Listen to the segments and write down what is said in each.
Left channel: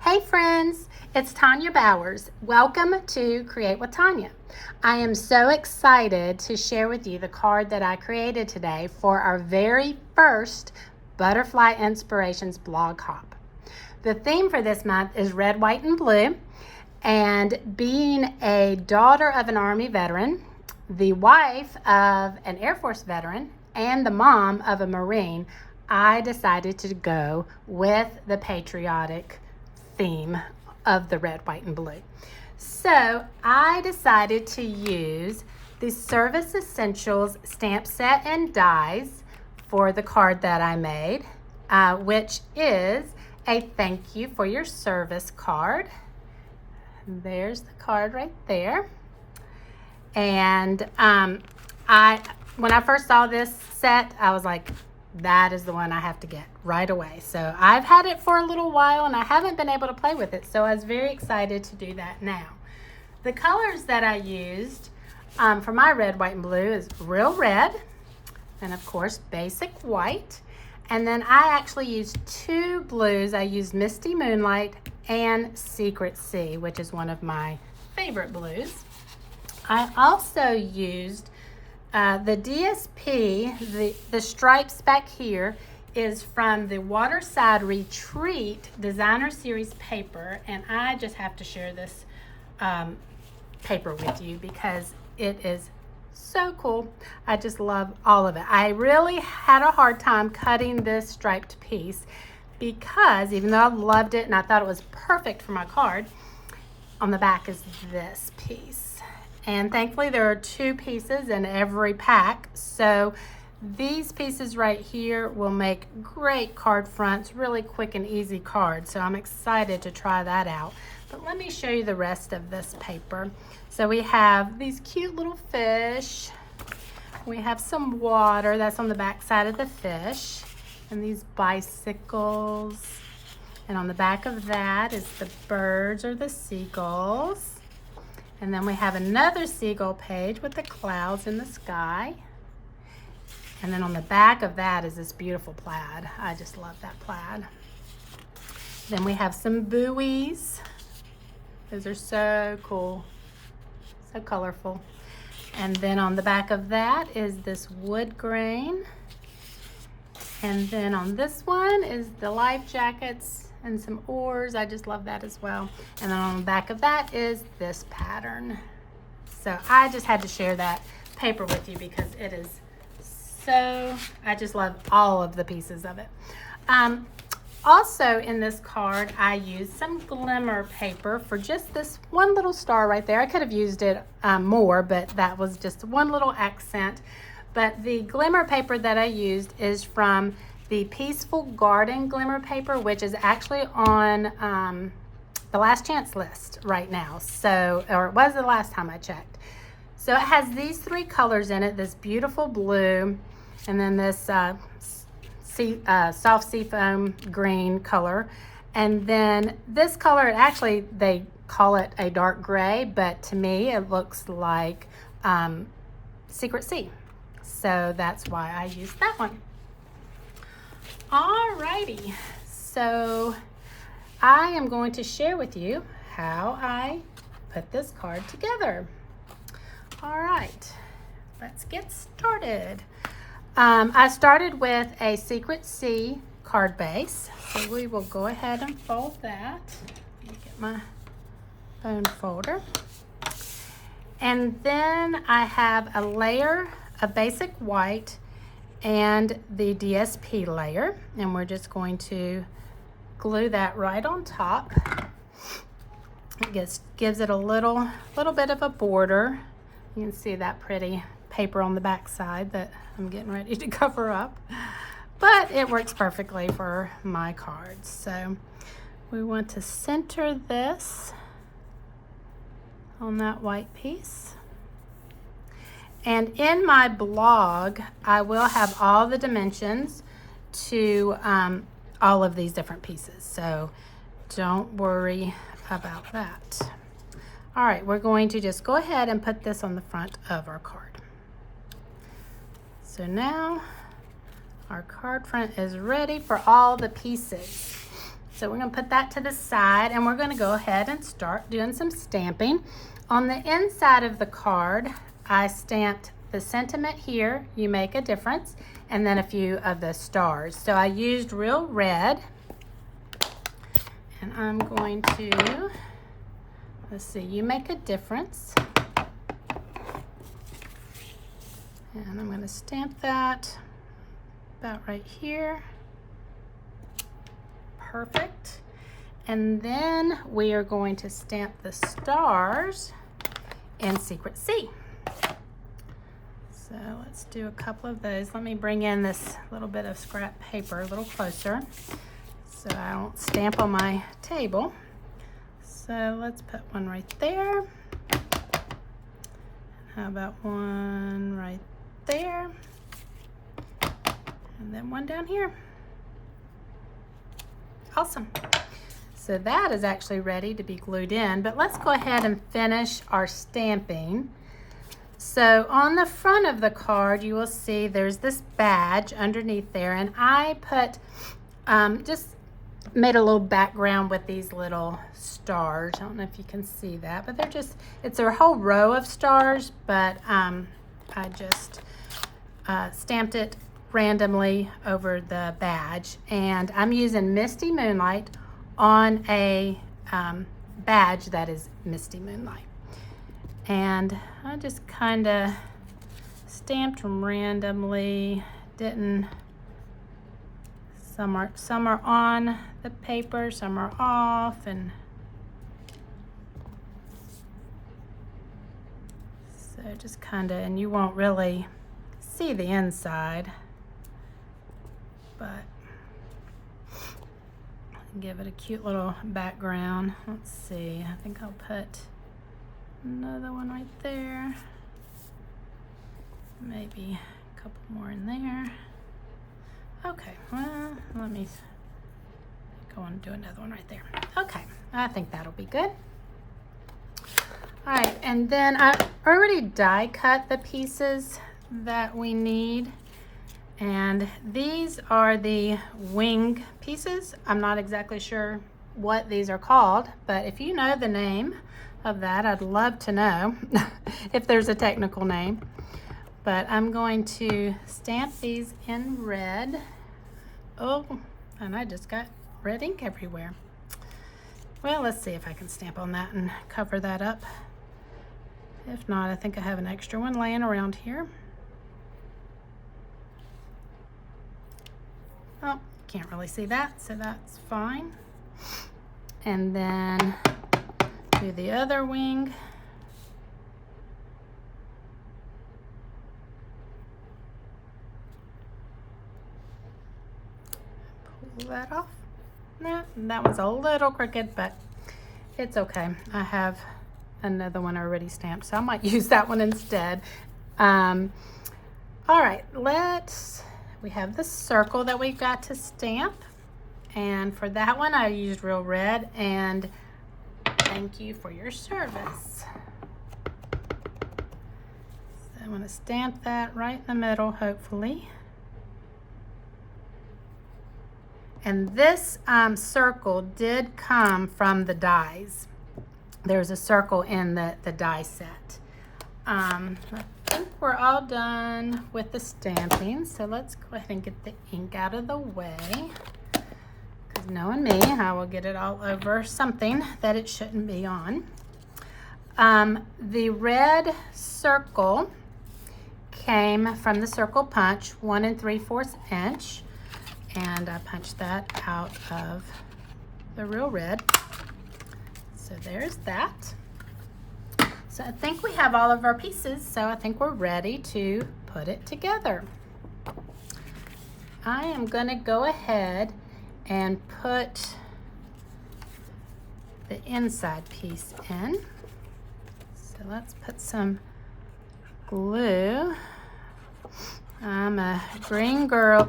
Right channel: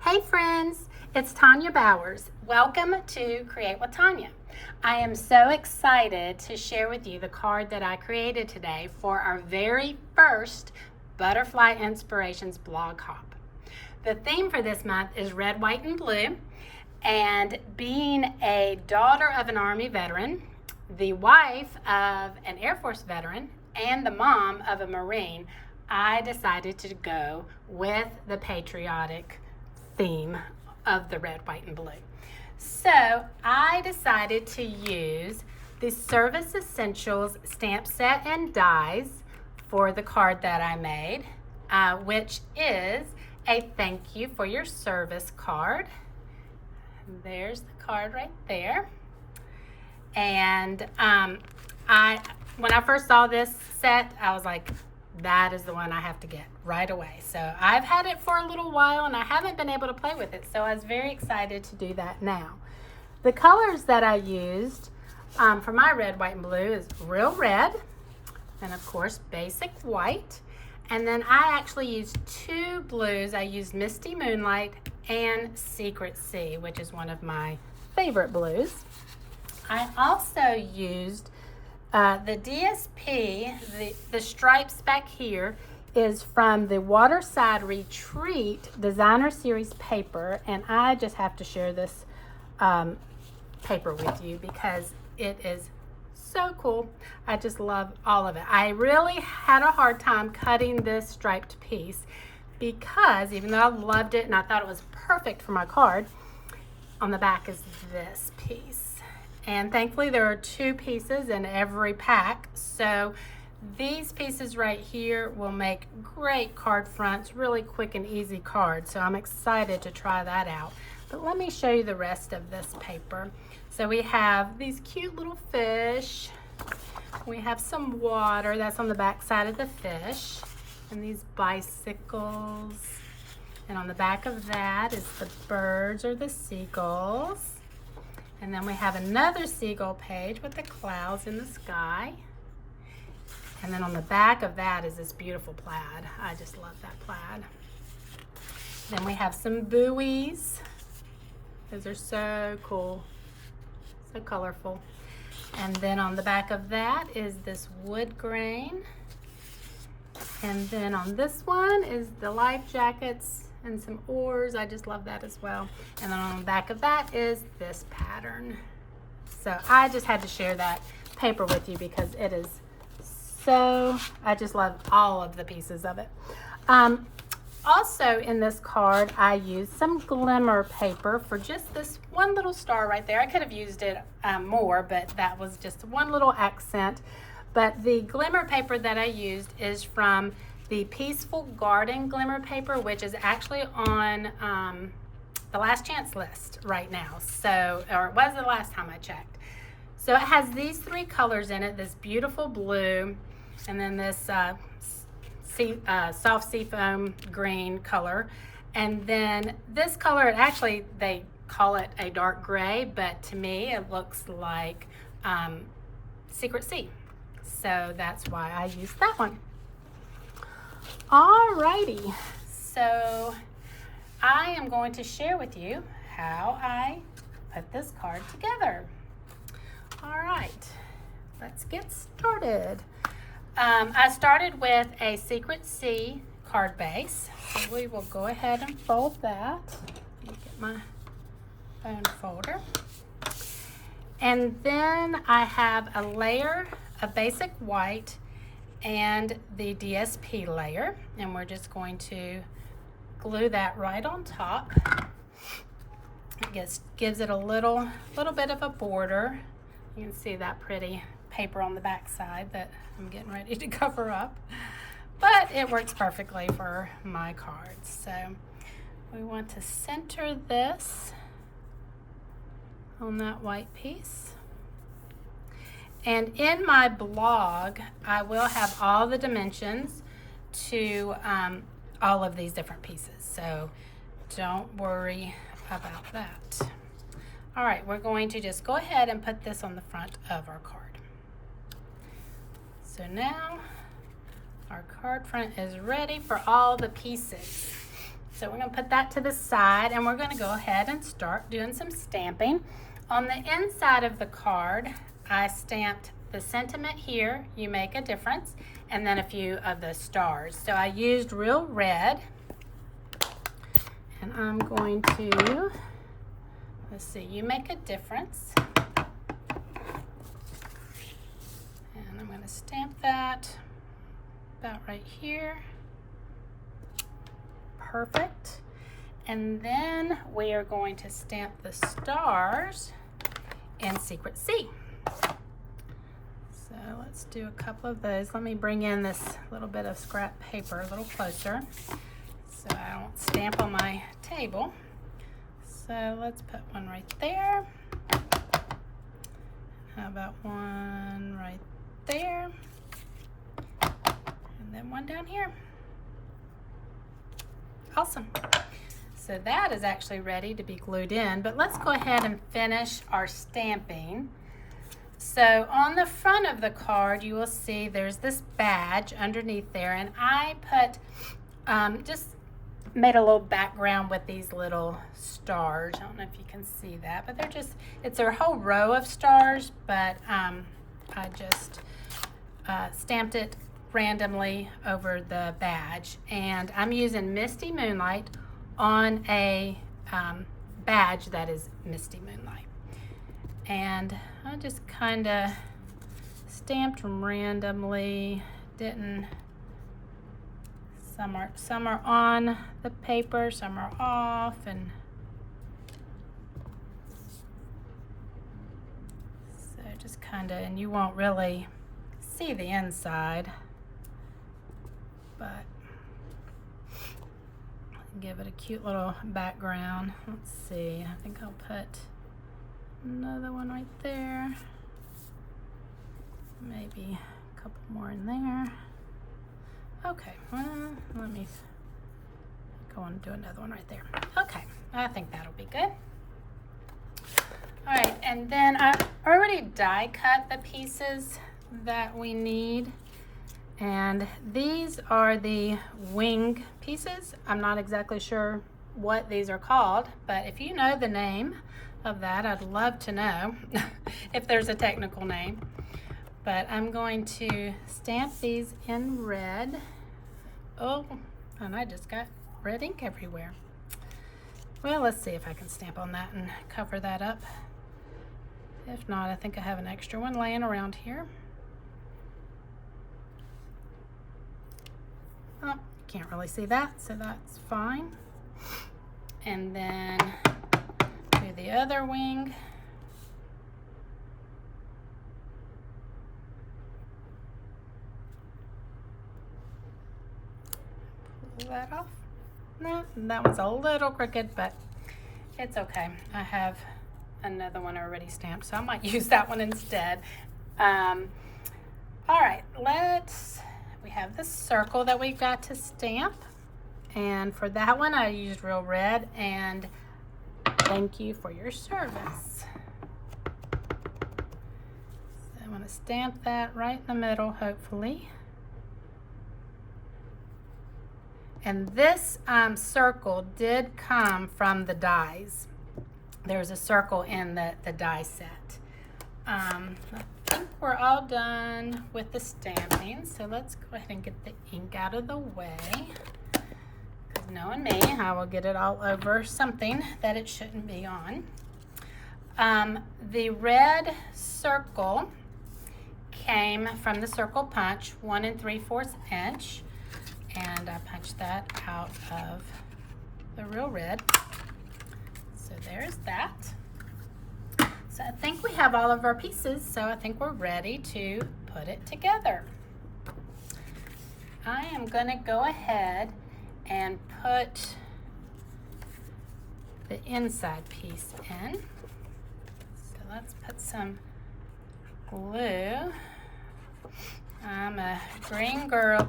Hey friends, it's Tonya Bowers. Welcome to Create with Tonya. I am so excited to share with you the card that I created today for our very first Butterfly Inspirations blog hop. The theme for this month is red, white, and blue. And being a daughter of an Army veteran, the wife of an Air Force veteran, and the mom of a Marine, I decided to go with the patriotic theme of the red, white, and blue. So I decided to use the Service Essentials stamp set and dies for the card that I made, which is a thank you for your service card. There's the card right there. And when I first saw this set, I was like, that is the one I have to get right away. So I've had it for a little while and I haven't been able to play with it. So I was very excited to do that now. The colors that I used for my red, white, and blue is real red and of course basic white. And then I actually used two blues. I used Misty Moonlight and Secret Sea, which is one of my favorite blues. I also used the DSP, the stripes back here is from the Waterside Retreat Designer Series paper, and I just have to share this paper with you because it is so cool. I just love all of it. I really had a hard time cutting this striped piece because even though I loved it and I thought it was perfect for my card, on the back is this piece. And thankfully there are two pieces in every pack. So these pieces right here will make great card fronts, really quick and easy cards. So I'm excited to try that out. But let me show you the rest of this paper. So we have these cute little fish. We have some water, that's on the back side of the fish. And these bicycles. And on the back of that is the birds or the seagulls. And then we have another seagull page with the clouds in the sky. And then on the back of that is this beautiful plaid. I just love that plaid. Then we have some buoys. Those are so cool, so colorful. And then on the back of that is this wood grain. And then on this one is the life jackets and some oars. I just love that as well. And then on the back of that is this pattern. So I just had to share that paper with you because it is so, I just love all of the pieces of it. Also in this card, I used some glimmer paper for just this one little star right there. I could have used it more, but that was just one little accent. But the glimmer paper that I used is from the Peaceful Garden glimmer paper, which is actually on the last chance list right now. So, or it was the last time I checked. So it has these three colors in it, this beautiful blue, and then this soft seafoam green color. And then this color, actually they call it a dark gray, but to me it looks like Secret Sea. So that's why I used that one. Alrighty, so I am going to share with you how I put this card together. All right, let's get started. I started with a Secret Sea card base, so we will go ahead and fold that. Let me get my phone folder. And then I have a layer of basic white and the DSP layer, and we're just going to glue that right on top. It gives it a little bit of a border. You can see that pretty paper on the back side that I'm getting ready to cover up, but it works perfectly for my cards. So we want to center this on that white piece. And in my blog, I will have all the dimensions to all of these different pieces. So don't worry about that. All right, we're going to just go ahead and put this on the front of our card. So now our card front is ready for all the pieces. So we're going to put that to the side, and we're going to go ahead and start doing some stamping. On the inside of the card, I stamped the sentiment here, "You make a difference," and then a few of the stars. So I used real red, and I'm going to, let's see, "You make a difference." And I'm going to stamp that about right here. Perfect. And then we are going to stamp the stars in Secret C. So let's do a couple of those. Let me bring in this little bit of scrap paper a little closer so I don't stamp on my table. So let's put one right there. How about one right there? And then one down here. Awesome. So that is actually ready to be glued in, but let's go ahead and finish our stamping. So on the front of the card, you will see there's this badge underneath there, and I put, just made a little background with these little stars. I don't know if you can see that, but they're just, it's a whole row of stars, but I just stamped it randomly over the badge, and I'm using Misty Moonlight on a badge that is Misty Moonlight. And I just kind of stamped them randomly, didn't, some are on the paper, some are off, and so just kind of, and you won't really see the inside, but give it a cute little background. Let's see, I think I'll put another one right there, maybe a couple more in there. Okay, well, let me go on and do another one right there. Okay, I think that'll be good. All right, and then I already die cut the pieces that we need. And these are the wing pieces. I'm not exactly sure what these are called, but if you know the name of that, I'd love to know if there's a technical name. But I'm going to stamp these in red. Oh, and I just got red ink everywhere. Well, let's see if I can stamp on that and cover that up. If not, I think I have an extra one laying around here. Oh, can't really see that, so that's fine. And then do the other wing. Pull that off. Nah, that one's a little crooked, but it's okay. I have another one already stamped, so I might use that one instead. All right, we have the circle that we've got to stamp, and for that one I used real red, and thank you for your service. So I want to stamp that right in the middle, hopefully. And this circle did come from the dies. There's a circle in the die set. I think we're all done with the stamping, so let's go ahead and get the ink out of the way, because knowing me, I will get it all over something that it shouldn't be on. The red circle came from the circle punch, 1 3/4 inch, and I punched that out of the real red. So there's that. So I think we have all of our pieces, so I think we're ready to put it together. I am going to go ahead and put the inside piece in. So let's put some glue. I'm a green girl.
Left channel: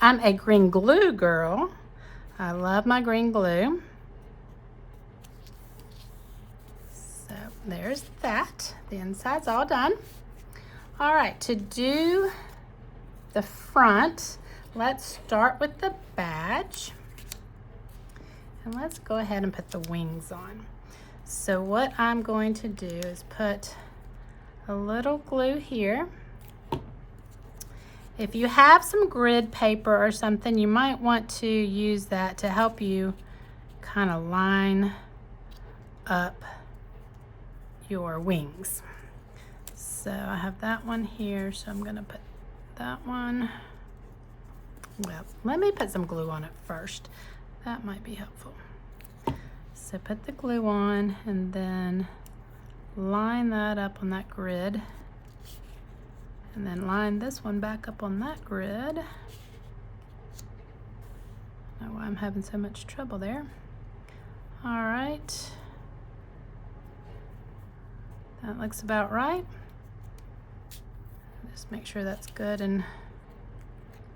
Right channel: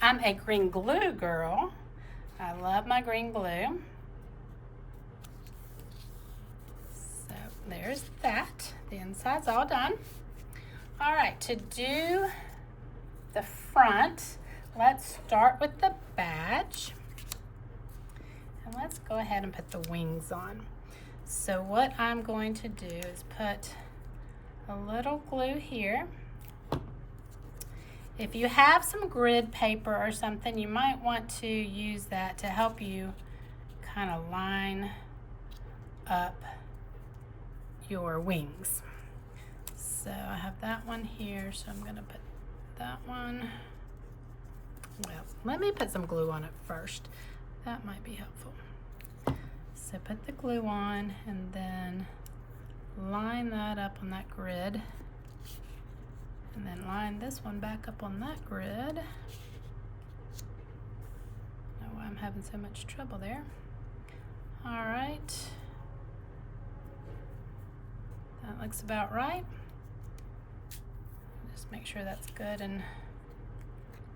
I'm a green glue girl. I love my green glue. So there's that. The inside's all done. All right, to do the front, let's start with the badge. And let's go ahead and put the wings on. So what I'm going to do is put a little glue here. If you have some grid paper or something, you might want to use that to help you kind of line up your wings. So I have that one here, so I'm gonna put that one. Well, let me put some glue on it first. That might be helpful. So put the glue on and then line that up on that grid. And then line this one back up on that grid. I don't know why I'm having so much trouble there. All right. That looks about right. Just make sure that's good and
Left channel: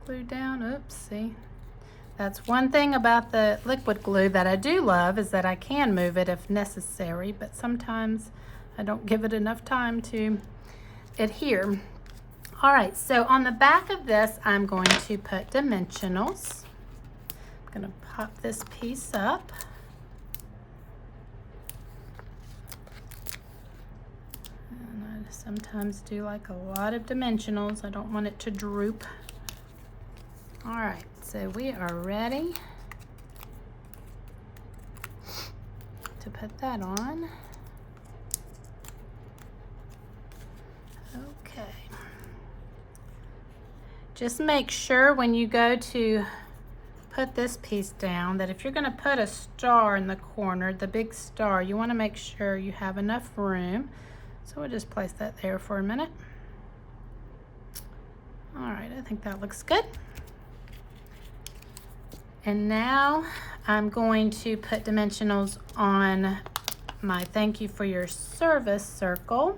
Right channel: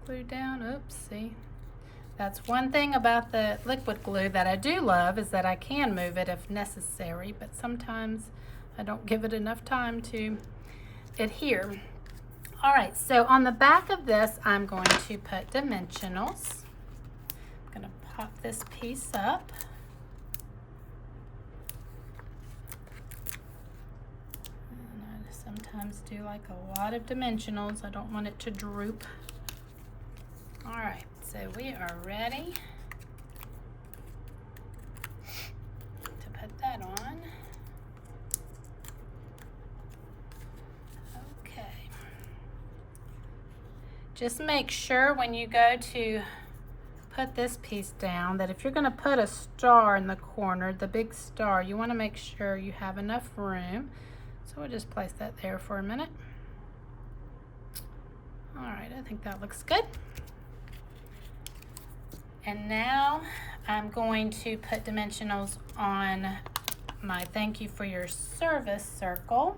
glued down. Oops, see. That's one thing about the liquid glue that I do love, is that I can move it if necessary, but sometimes I don't give it enough time to adhere. All right, so on the back of this, I'm going to put dimensionals. I'm gonna pop this piece up. And I sometimes do like a lot of dimensionals. I don't want it to droop. All right, so we are ready to put that on. Okay. Just make sure when you go to put this piece down that if you're going to put a star in the corner, the big star, you want to make sure you have enough room. So we'll just place that there for a minute. All right, I think that looks good. And now I'm going to put dimensionals on my thank you for your service circle.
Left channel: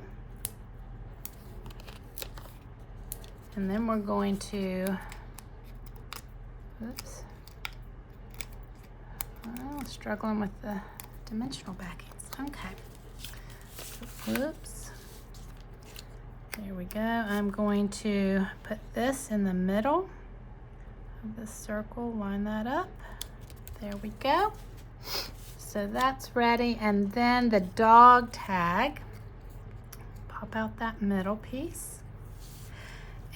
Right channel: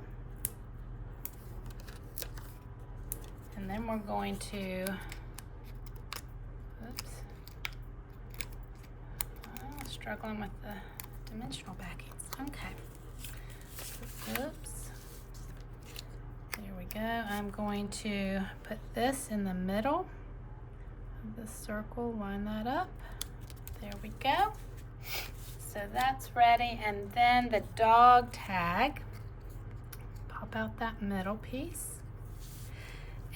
And then we're going to, oops, oh, struggling with the dimensional backings. Okay, oops. There we go. I'm going to put this in the middle of the circle, line that up. There we go. So that's ready. And then the dog tag, pop out that middle piece.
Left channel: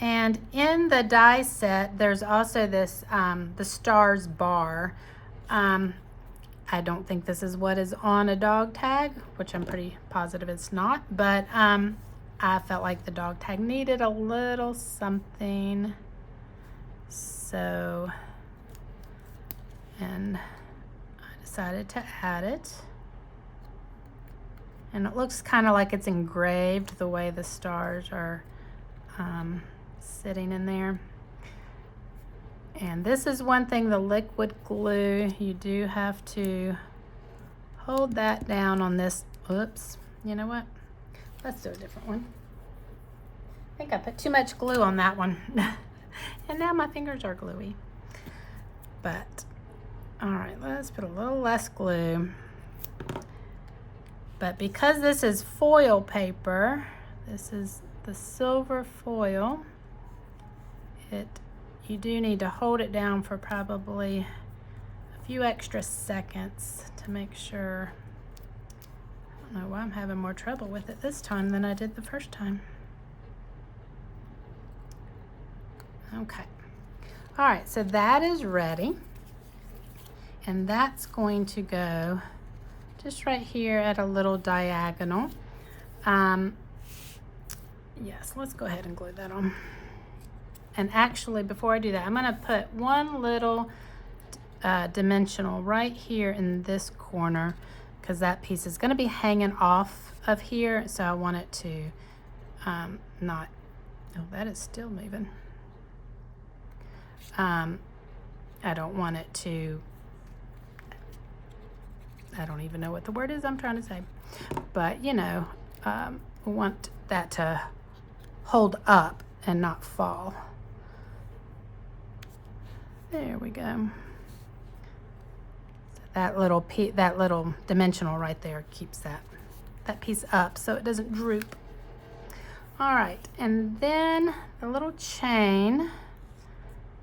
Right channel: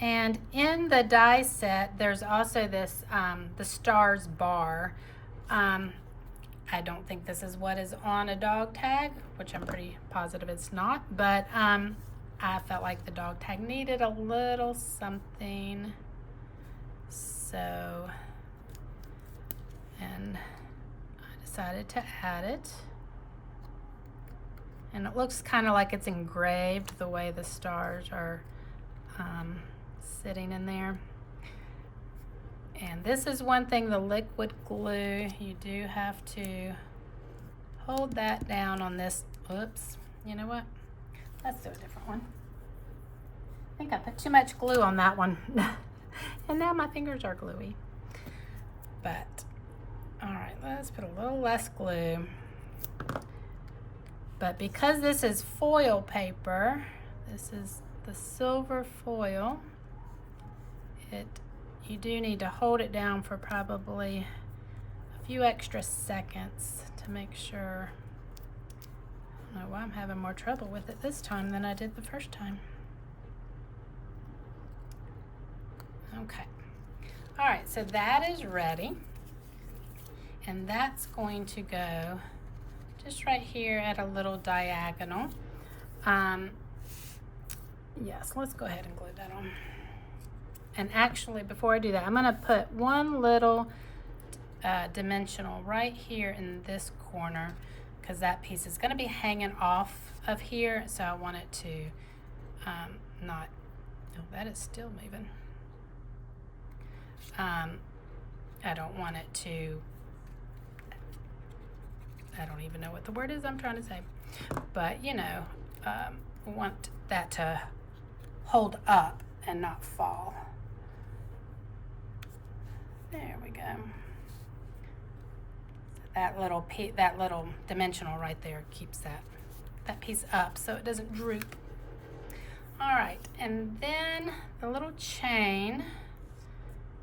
And in the die set, there's also this, the stars bar. I don't think this is what is on a dog tag, which I'm pretty positive it's not, but I felt like the dog tag needed a little something. So, and I decided to add it. And it looks kind of like it's engraved the way the stars are sitting in there. And this is one thing, the liquid glue, you do have to hold that down on this. Oops, you know what? Let's do a different one. I think I put too much glue on that one. And now my fingers are gluey. But, all right, let's put a little less glue. But because this is foil paper, this is the silver foil, you do need to hold it down for probably a few extra seconds to make sure. I don't know why I'm having more trouble with it this time than I did the first time. Okay. All right, so that is ready. And that's going to go just right here at a little diagonal. Yes, let's go ahead and glue that on. And actually, before I do that, I'm gonna put one little dimensional right here in this corner, because that piece is gonna be hanging off of here, so I want it to not, oh, that is still moving. I don't want it to, I don't even know what the word is I'm trying to say, but you know, want that to hold up and not fall. There we go. That little dimensional right there keeps that piece up so it doesn't droop. All right, and then the little chain,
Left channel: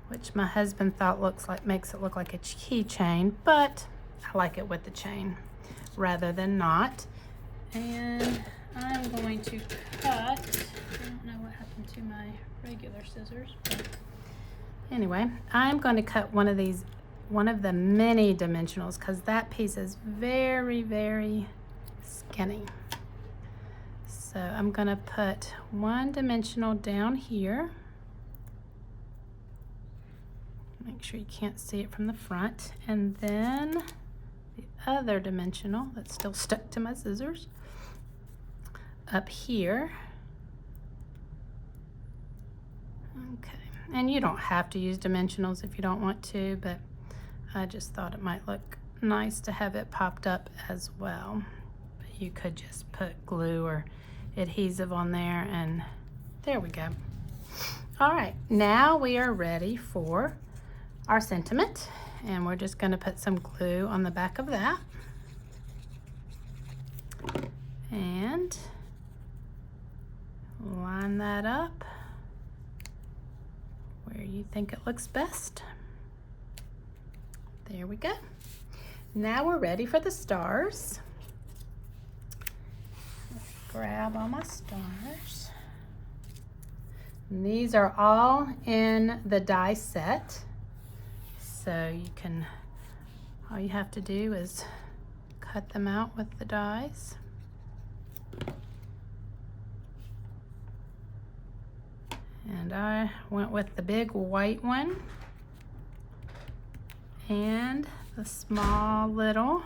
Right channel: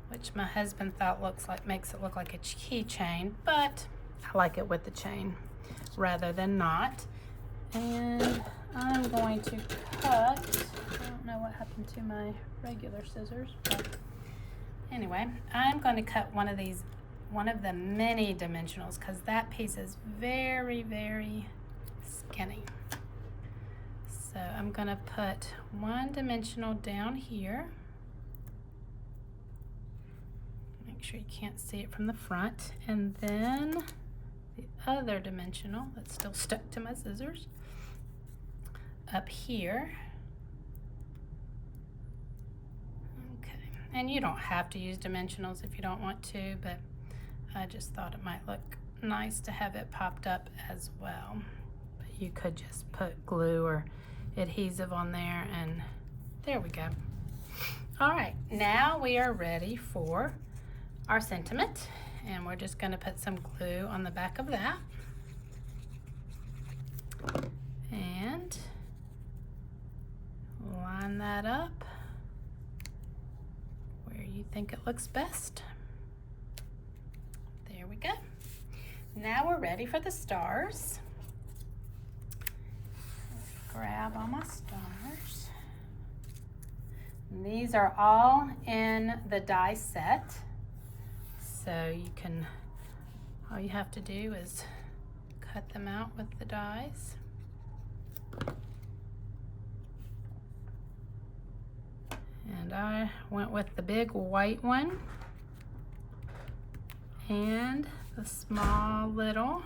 which my husband thought makes it look like a keychain, but I like it with the chain rather than not. And I'm going to cut, I don't know what happened to my regular scissors, but anyway, I'm going to cut one of the mini dimensionals because that piece is very, very skinny. So I'm going to put one dimensional down here. Make sure you can't see it from the front. And then the other dimensional that's still stuck to my scissors up here. Okay, and you don't have to use dimensionals if you don't want to, but I just thought it might look nice to have it popped up as well. But you could just put glue or adhesive on there, and there we go. All right, now we are ready for our sentiment, and we're just going to put some glue on the back of that. And line that up where you think it looks best. There we go. Now we're ready for the stars. Grab all my stars. And these are all in the die set. So you can, all you have to do is cut them out with the dies. And I went with the big white one and the small little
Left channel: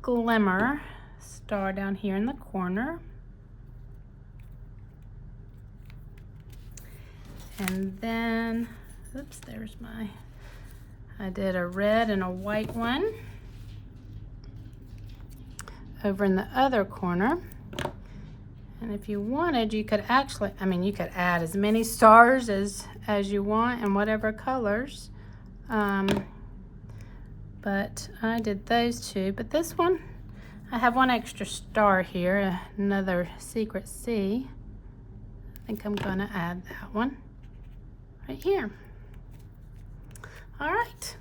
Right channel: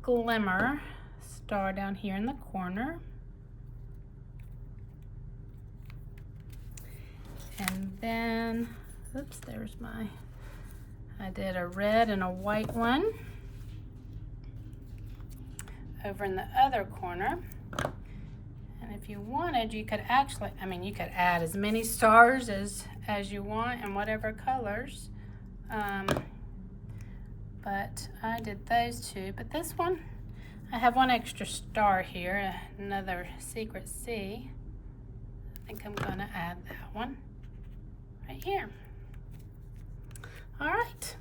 glimmer star down here in the corner. And then, oops, there's I did a red and a white one over in the other corner. And if you wanted, you could actually, you could add as many stars as you want and whatever colors. But I did those two. But this one, I have one extra star here, another secret C. I think I'm going to add that one right here. All right,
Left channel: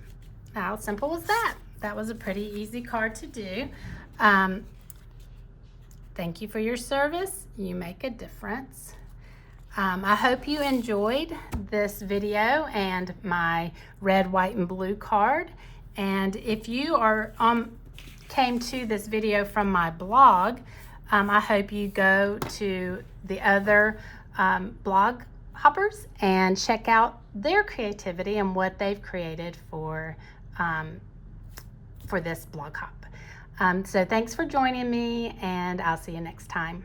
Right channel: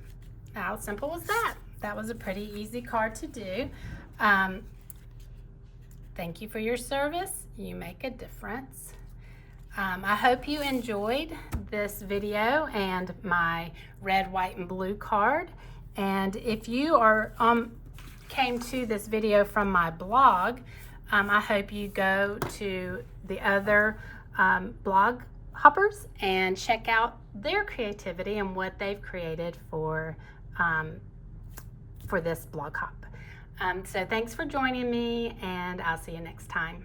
how simple was that? That was a pretty easy card to do. Thank you for your service. You make a difference. I hope you enjoyed this video and my red, white, and blue card. And if you came to this video from my blog, I hope you go to the other blog hoppers and check out their creativity and what they've created for this blog hop. So thanks for joining me, and I'll see you next time.